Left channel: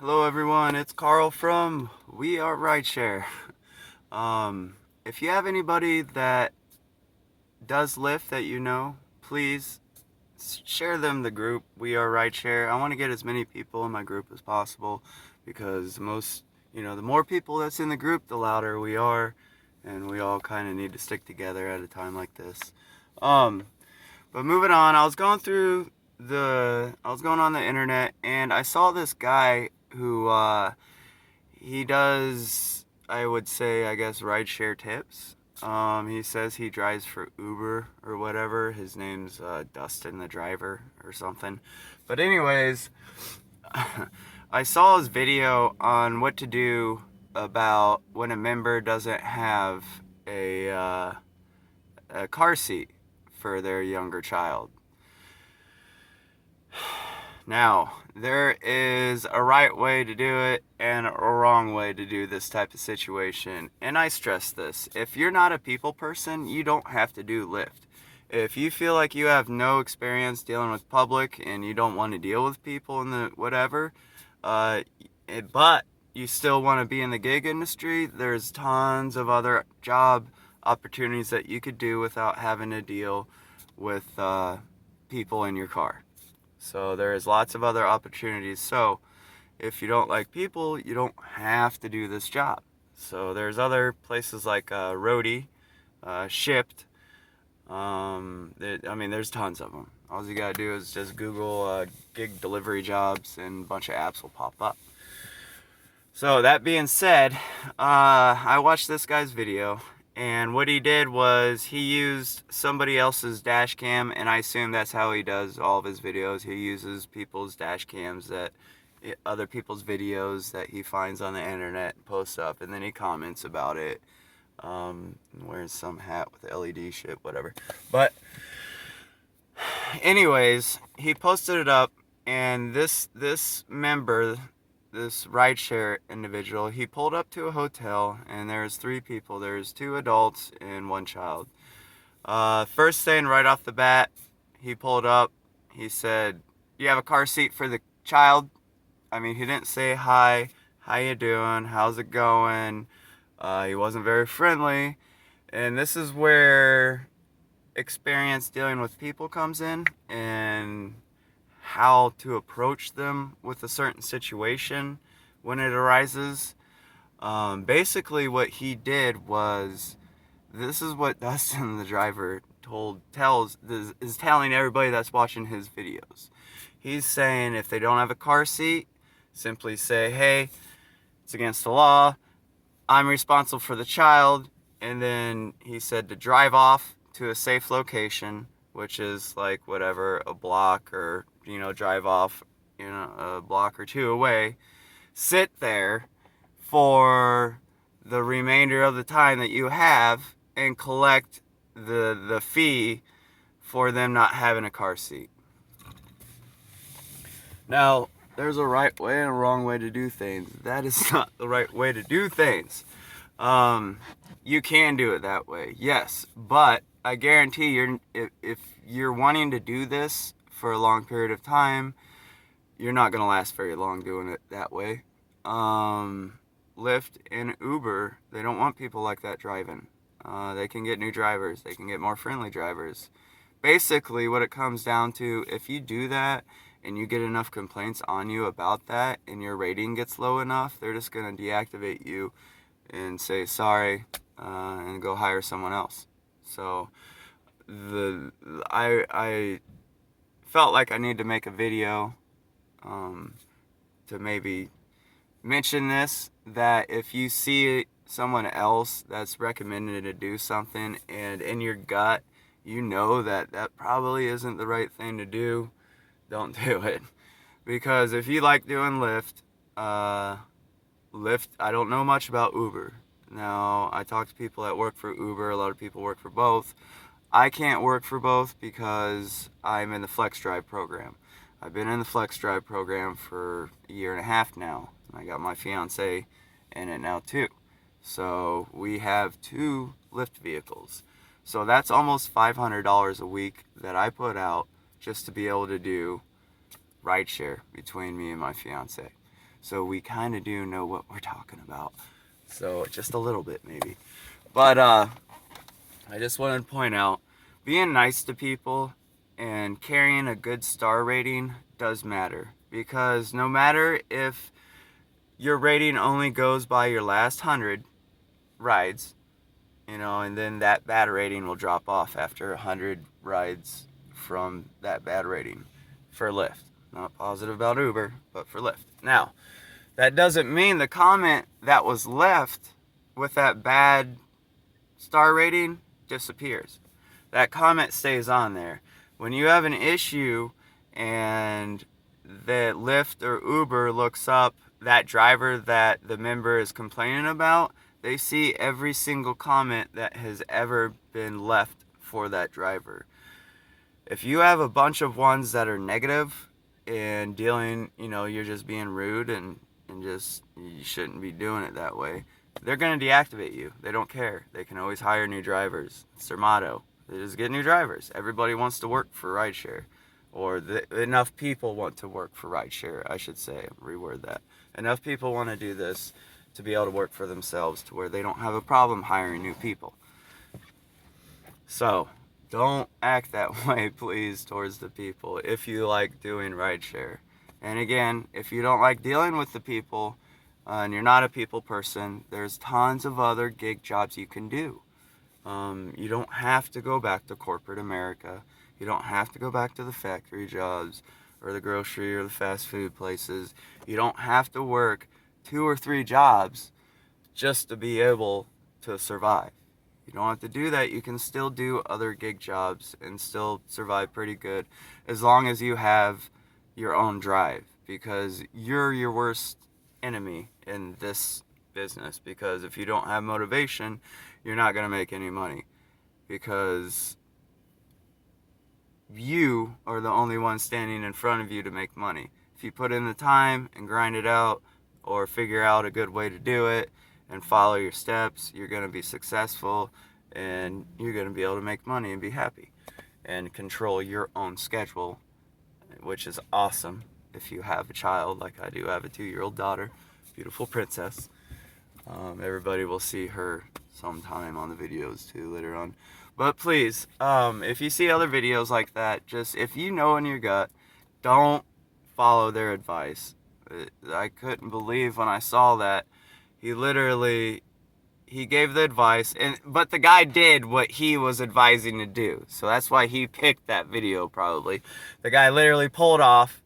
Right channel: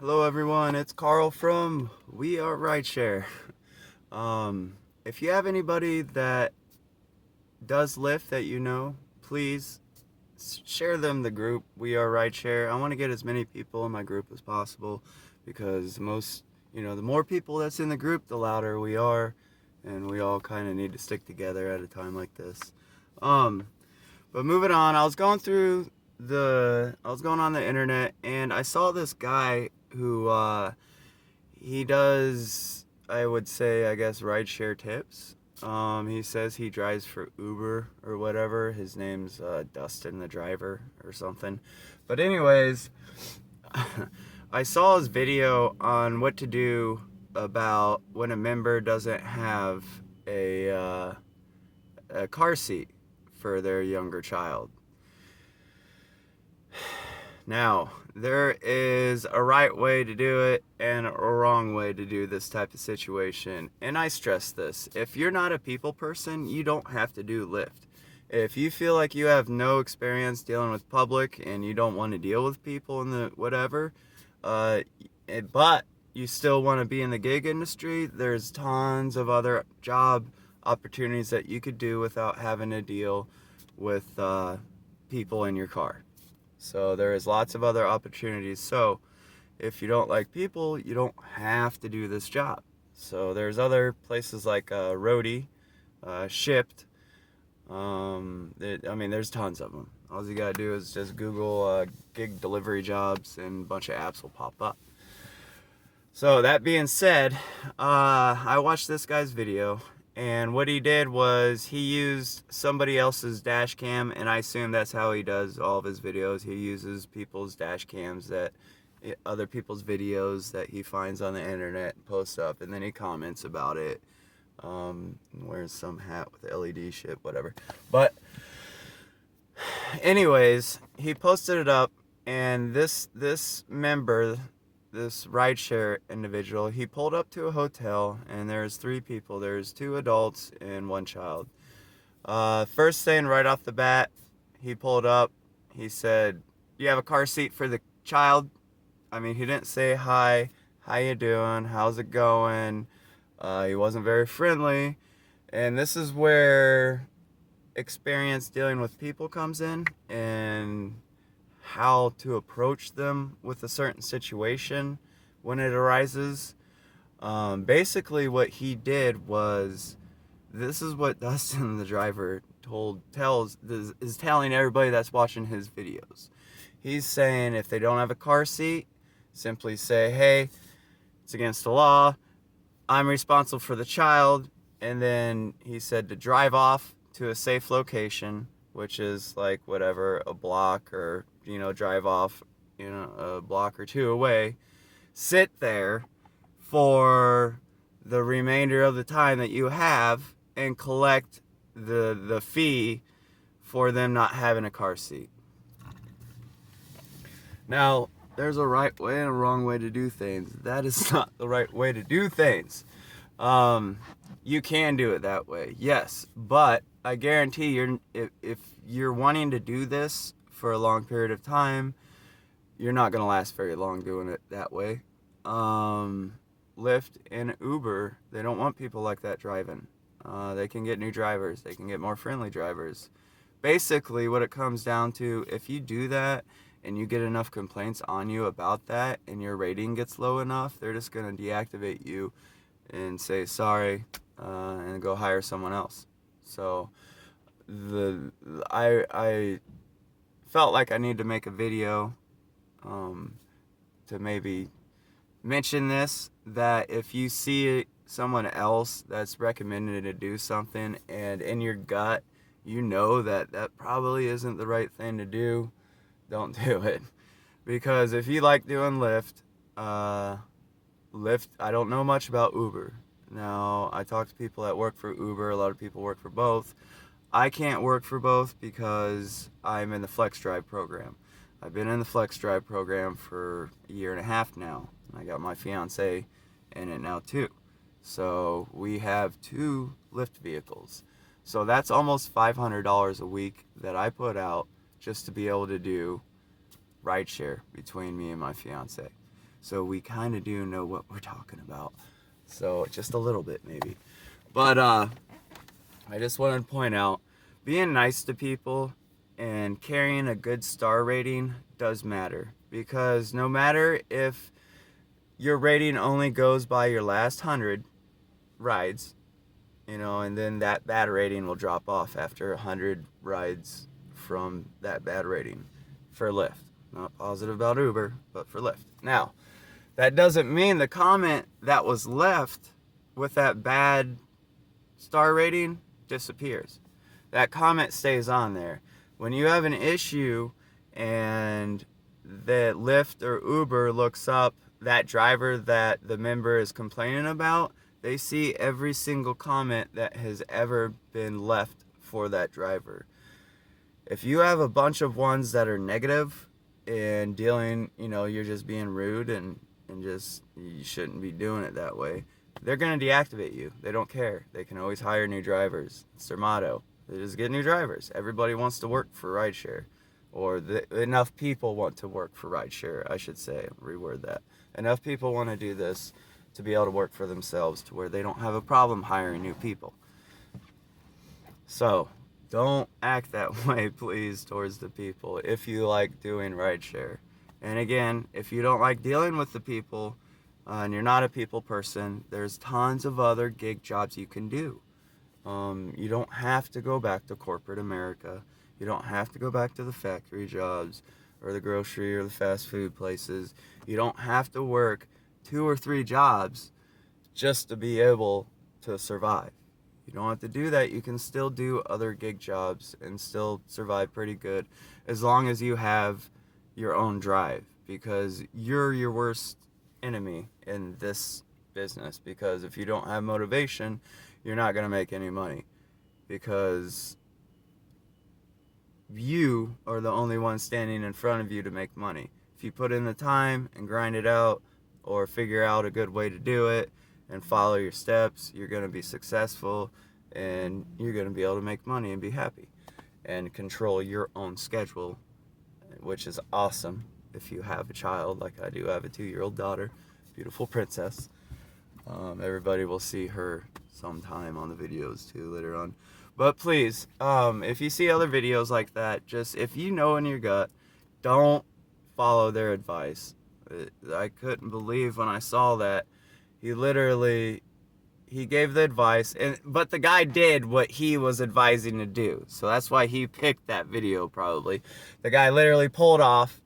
Hello everyone, it's Carl from We Are Rideshare. If you have anybody that does Lyft that you know, please share them the group We Are Rideshare. I want to get as many people in my group as possible because the more people that's in the group, the louder we are, and we all kind of need to stick together at a time like this. Um, but moving on, I was going on the internet and I saw this guy who he does, I would say, I guess, rideshare tips. He says he drives for Uber or whatever. His name's Dustin, the driver, or something. But anyways, I saw his video on what to do about when a member doesn't have a car seat for their younger child. Now, there is a right way to do it and a wrong way to do this type of situation. And I stress this. If you're not a people person, you don't have to do Lyft. If you feel like you have no experience dealing with public and you don't want to deal with people in the whatever, but you still want to be in the gig industry, there's tons of other job opportunities that you could do without having to deal with people in your car. So there's lots of other opportunities. So if you don't like people, you don't have to do this job. So there's other places like Roadie, Shipped. There's tons of them. All you gotta do is just Google gig delivery jobs, and a bunch of apps will pop up. So that being said, I watched this guy's video, and what he did was he used somebody else's dash cam, and I assume that's how he does all of his videos. He uses people's dash cams other people's videos that he finds on the internet and posts up, and then he comments about it. Wears some hat with LED shit, whatever. But anyways, he posted it up, and this member, this rideshare individual, he pulled up to a hotel, and there's three people. There's two adults and one child. First thing right off the bat, he pulled up. He said, "You have a car seat for the child?" I mean, he didn't say hi, how you doing, how's it going. He wasn't very friendly, and this is where experience dealing with people comes in, and how to approach them with a certain situation when it arises. Basically, what he did was, this is what Dustin, the driver, is telling everybody that's watching his videos. He's saying if they don't have a car seat, simply say, "Hey, it's against the law. I'm responsible for the child." And then he said to drive off to a safe location, which is like whatever, a block, or drive off a block or two away. Sit there for the remainder of the time that you have and collect the fee for them not having a car seat. Now, there's a right way and a wrong way to do things. That is not the right way to do things. You can do it that way, yes, but I guarantee if you're wanting to do this for a long period of time, you're not going to last very long doing it that way. Lyft and Uber, they don't want people like that driving. They can get new drivers. They can get more friendly drivers. Basically, what it comes down to, if you do that and you get enough complaints on you about that and your rating gets low enough, they're just going to deactivate you and say sorry, and go hire someone else. So I felt like I need to make a video to maybe mention this, that if you see someone else that's recommended to do something and in your gut you know that probably isn't the right thing to do, don't do it. Because if you like doing Lyft, I don't know much about Uber. Now, I talk to people that work for Uber. A lot of people work for both. I can't work for both because I'm in the Flex Drive program. I've been in the Flex Drive program for a year and a half now. I got my fiance in it now too. So we have two Lyft vehicles. So that's almost $500 a week that I put out just to be able to do rideshare between me and my fiance. So we kind of do know what we're talking about. So just a little bit maybe. But I just wanted to point out, being nice to people and carrying a good star rating does matter. Because no matter if your rating only goes by your last 100 rides, and then that bad rating will drop off after 100 rides from that bad rating for Lyft. Not positive about Uber, but for Lyft. Now, that doesn't mean the comment that was left with that bad star rating disappears. That comment stays on there. When you have an issue and that Lyft or Uber looks up that driver that the member is complaining about, they see every single comment that has ever been left for that driver. If you have a bunch of ones that are negative and dealing, you're just being rude and just, you shouldn't be doing it that way, they're going to deactivate you. They don't care. They can always hire new drivers. It's their motto. They just get new drivers. Everybody wants to work for rideshare. Or enough people want to work for rideshare, I should say. Reword that. Enough people want to do this to be able to work for themselves to where they don't have a problem hiring new people. So, don't act that way, please, towards the people if you like doing rideshare. And again, if you don't like dealing with the people and you're not a people person, there's tons of other gig jobs you can do. You don't have to go back to corporate America. You don't have to go back to the factory jobs or the grocery or the fast food places. You don't have to work 2 or 3 jobs just to be able to survive. You don't have to do that. You can still do other gig jobs and still survive pretty good as long as you have your own drive, because you're your worst enemy in this business. Because if you don't have motivation, you're not going to make any money, because you are the only one standing in front of you to make money. If you put in the time and grind it out, or figure out a good way to do it and follow your steps, you're going to be successful and you're going to be able to make money and be happy and control your own schedule, which is awesome if you have a child like I do. I have a 2-year-old daughter, beautiful princess. Everybody will see her sometime on the videos too later on. But please, if you see other videos like that, just, if you know in your gut, don't follow their advice. I couldn't believe when I saw that. He gave the advice, but the guy did what he was advising to do. So that's why he picked that video, probably. The guy literally pulled off,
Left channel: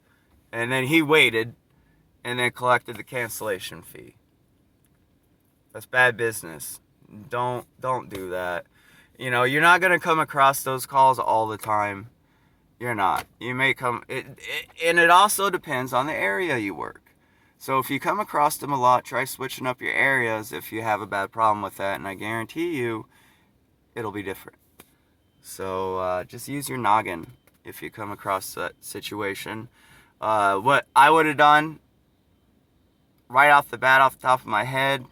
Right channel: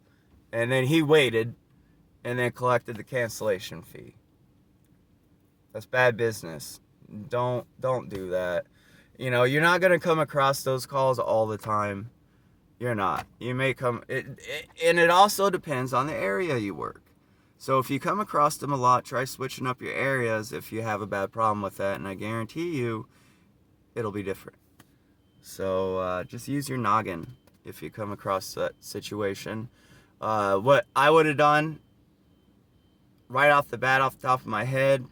and then he waited, and then collected the cancellation fee. That's bad business. Don't do that. You're not going to come across those calls all the time. You're not. You may come, and it also depends on the area you work. So if you come across them a lot, try switching up your areas if you have a bad problem with that, and I guarantee you it'll be different. So just use your noggin if you come across that situation. What I would have done right off the bat, off the top of my head,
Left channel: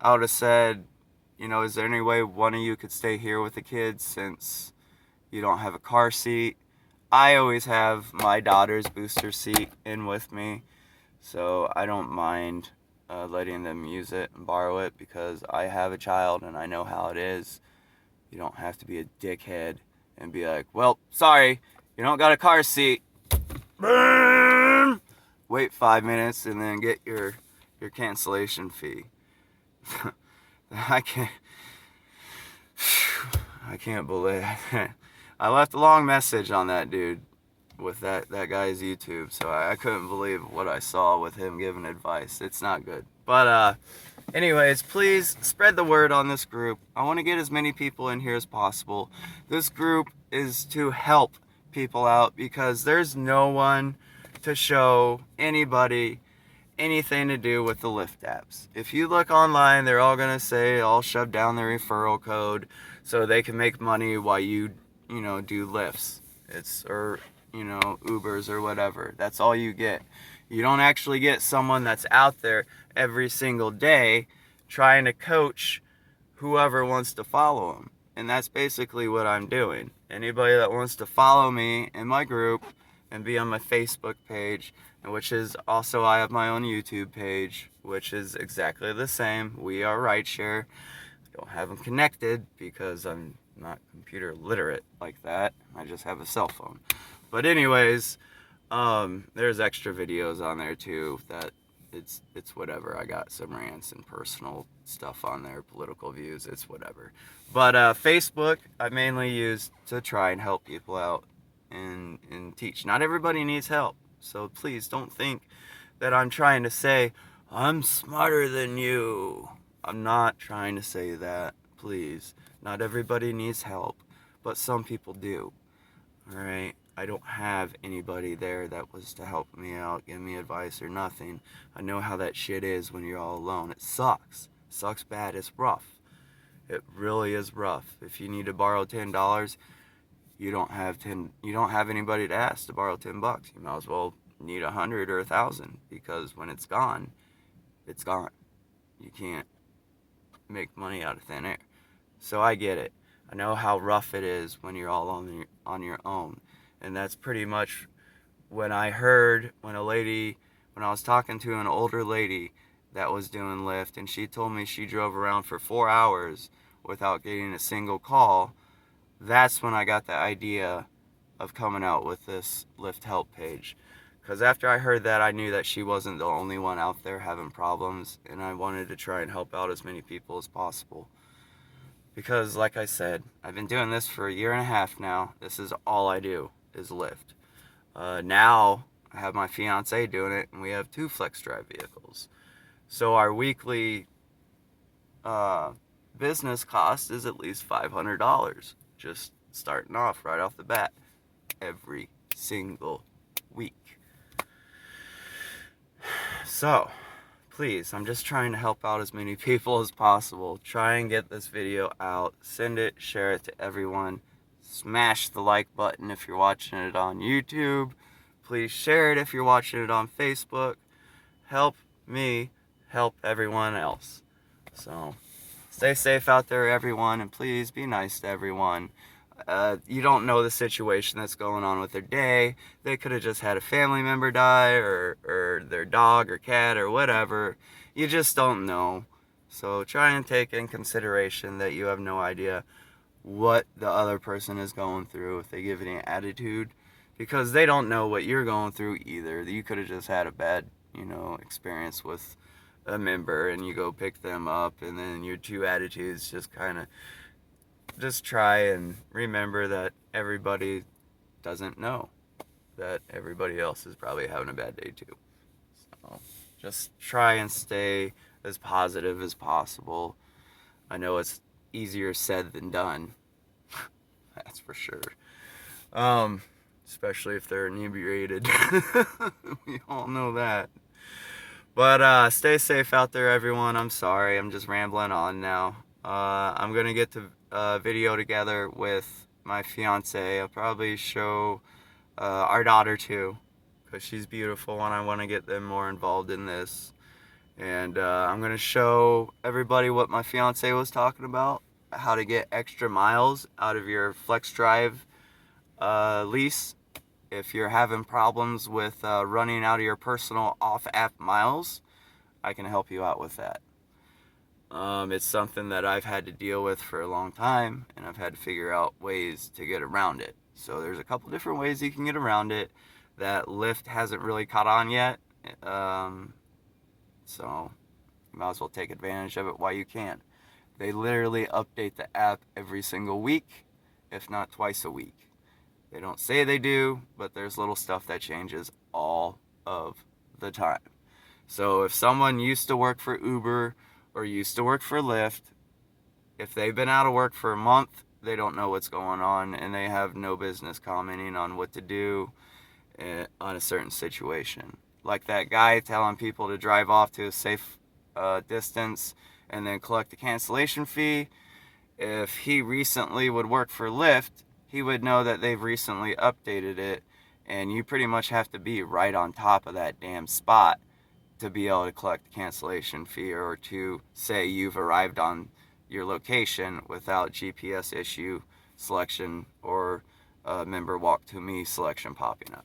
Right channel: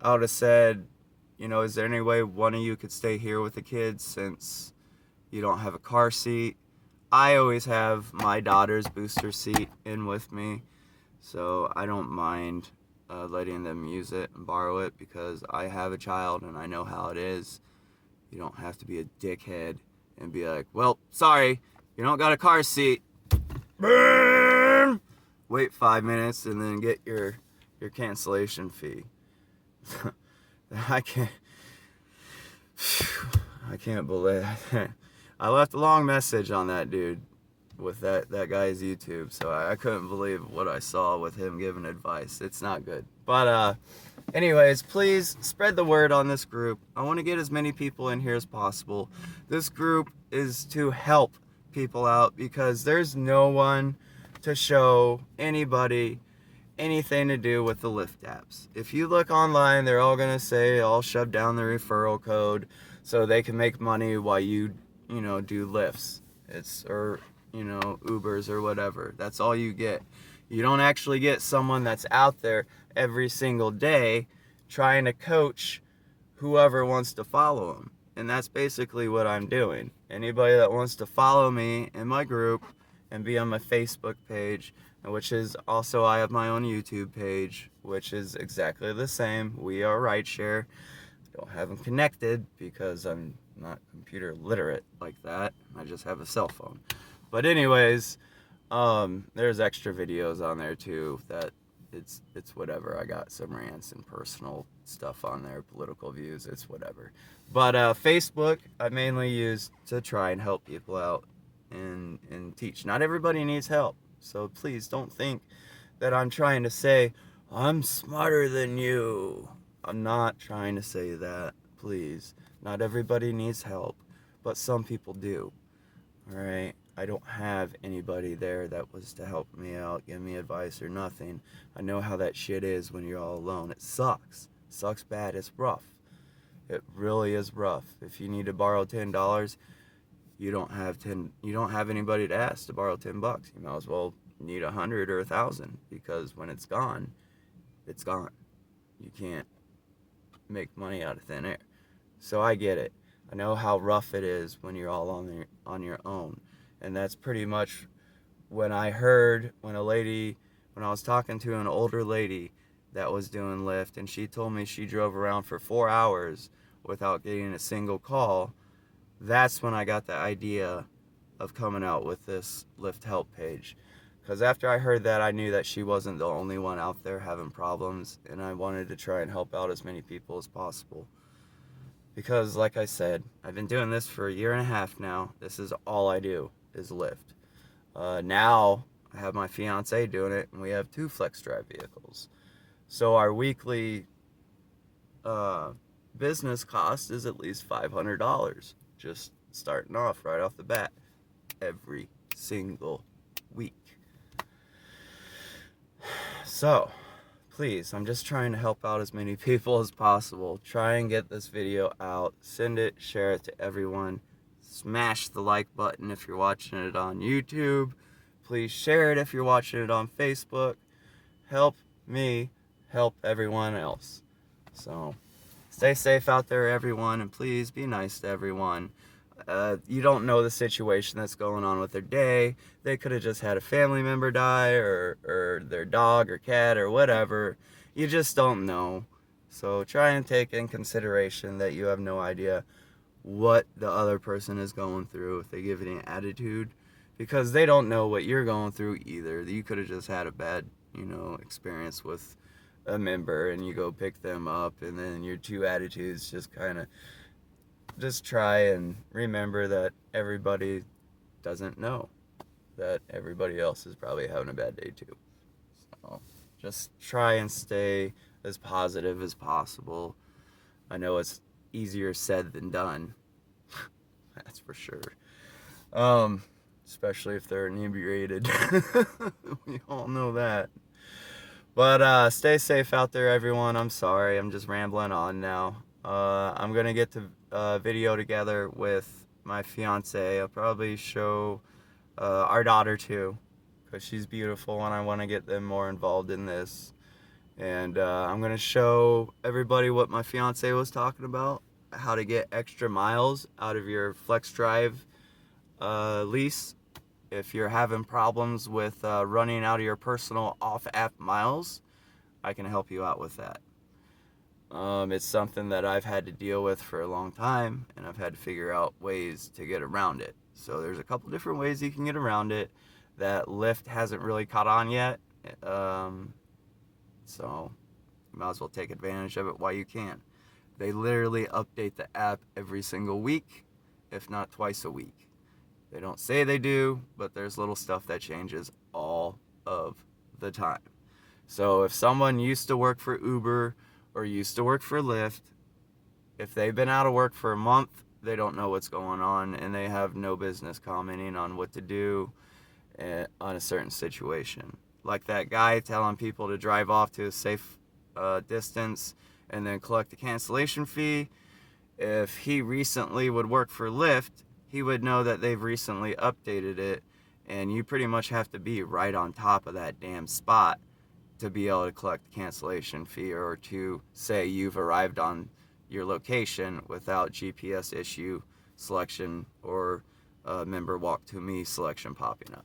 I would have said, is there any way one of you could stay here with the kids since you don't have a car seat? I always have my daughter's booster seat in with me, so I don't mind letting them use it and borrow it, because I have a child and I know how it is. You don't have to be a dickhead and be like, well, sorry, you don't got a car seat. Wait 5 minutes and then get your cancellation fee. I can't believe I left a long message on that dude with that guy's YouTube, so I couldn't believe what I saw with him giving advice. It's not good. But anyways, please spread the word on this group. I want to get as many people in here as possible. This group is to help people out, because there's no one to show anybody anything to do with the Lyft apps. If you look online, they're all gonna say, all shove down their referral code so they can make money while you do Lyfts. Or Ubers or whatever. That's all you get. You don't actually get someone that's out there every single day trying to coach whoever wants to follow them. And that's basically what I'm doing. Anybody that wants to follow me in my group and be on my Facebook page, which is also, I have my own YouTube page, which is exactly the same. We are rideshare. Don't have them connected because I'm not computer literate like that. I just have a cell phone. But anyways, there's extra videos on there too that it's whatever. I got some rants and personal stuff on there, political views, it's whatever. But Facebook I mainly use to try and help people out and teach. Not everybody needs help. So please don't think that I'm trying to say I'm smarter than you. I'm not trying to say that. Please. Not everybody needs help, but some people do. All right? I don't have anybody there that was to help me out, give me advice or nothing. I know how that shit is when you're all alone. It sucks. It sucks bad. It's rough. It really is rough. If you need to borrow $10, you don't have anybody to ask to borrow $10. You might as well need 100 or 1,000, because when it's gone, it's gone. You can't make money out of thin air. So I get it. I know how rough it is when you're all on your own. And that's pretty much when I was talking to an older lady that was doing Lyft, and she told me she drove around for 4 hours without getting a single call. That's when I got the idea of coming out with this Lyft help page. Because after I heard that, I knew that she wasn't the only one out there having problems, and I wanted to try and help out as many people as possible. Because, like I said, I've been doing this for 1.5 years now. This is all I do, is Lyft. Now, I have my fiance doing it, and we have 2 flex drive vehicles. So our weekly business cost is at least $500. Just starting off right off the bat, every single week. So, please, I'm just trying to help out as many people as possible. Try and get this video out. Send it, share it to everyone. Smash the like button if you're watching it on YouTube. Please share it if you're watching it on Facebook. Help me help everyone else. So, stay safe out there, everyone, and please be nice to everyone. You don't know the situation that's going on with their day. They could have just had a family member die, or their dog or cat or whatever. You just don't know. So try and take in consideration that you have no idea what the other person is going through if they give any attitude, because they don't know what you're going through either. You could have just had a bad, experience with a member, and you go pick them up, and then your 2 attitudes just try and remember that everybody doesn't know that everybody else is probably having a bad day too. So just try and stay as positive as possible. I know it's easier said than done. That's for sure. Especially if they're inebriated. We all know that. But stay safe out there, everyone. I'm sorry, I'm just rambling on now. I'm gonna get the video together with my fiance. I'll probably show our daughter too, because she's beautiful, and I want to get them more involved in this. And I'm gonna show everybody what my fiance was talking about, how to get extra miles out of your flex drive lease. If you're having problems with running out of your personal off-app miles, I can help you out with that. It's something that I've had to deal with for a long time, and I've had to figure out ways to get around it. So there's a couple different ways you can get around it that Lyft hasn't really caught on yet. So you might as well take advantage of it while you can. They literally update the app every single week, if not twice a week. They don't say they do, but there's little stuff that changes all of the time. So if someone used to work for Uber or used to work for Lyft, if they've been out of work for a month, they don't know what's going on, and they have no business commenting on what to do on a certain situation. Like that guy telling people to drive off to a safe distance and then collect the cancellation fee. If he recently would work for Lyft, he would know that they've recently updated it, and you pretty much have to be right on top of that damn spot to be able to collect the cancellation fee, or to say you've arrived on your location without GPS issue selection or member walk to me selection popping up.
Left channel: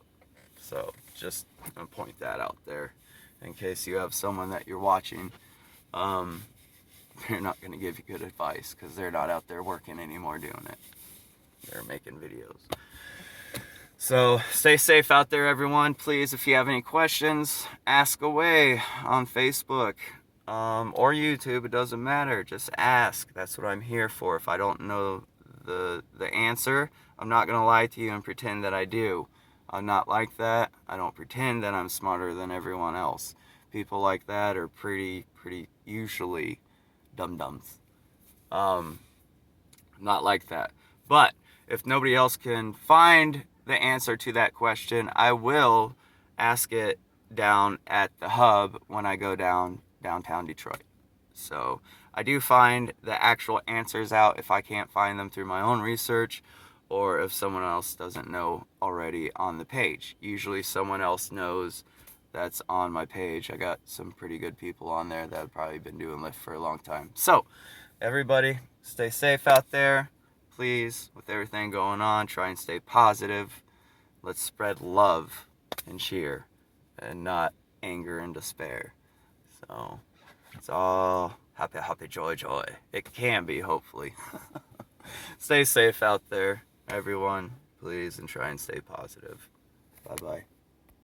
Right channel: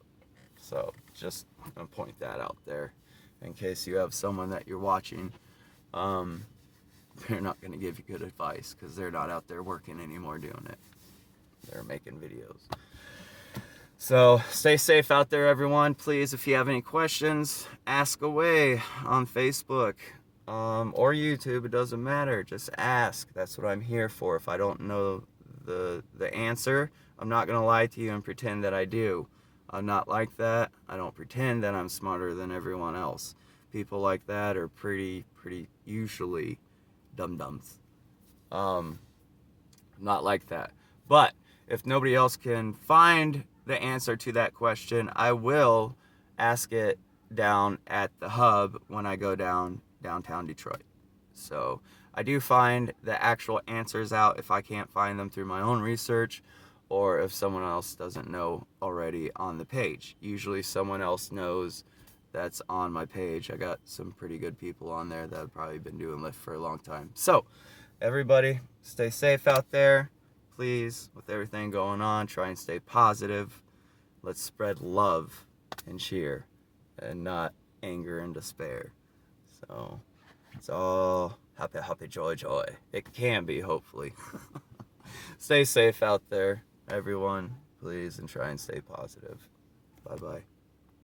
So just gonna point that out there in case you have someone that you're watching. They're not gonna give you good advice because they're not out there working anymore doing it. They're making videos. So stay safe out there, everyone. Please, if you have any questions, ask away on Facebook or YouTube. It doesn't matter. Just ask. That's what I'm here for. If I don't know the answer, I'm not gonna lie to you and pretend that I do. I'm not like that. I don't pretend that I'm smarter than everyone else. People like that are pretty usually dum-dums. Not like that. But if nobody else can find the answer to that question, I will ask it down at the hub when I go downtown Detroit. So I do find the actual answers out if I can't find them through my own research, or if someone else doesn't know already on the page. Usually someone else knows that's on my page. I got some pretty good people on there that have probably been doing Lyft for a long time. So everybody, stay safe out there. Please, with everything going on, try and stay positive. Let's spread love and cheer and not anger and despair. So it's all happy, joy. It can be, hopefully. Stay safe out there, everyone, please, and try and stay positive. Bye-bye.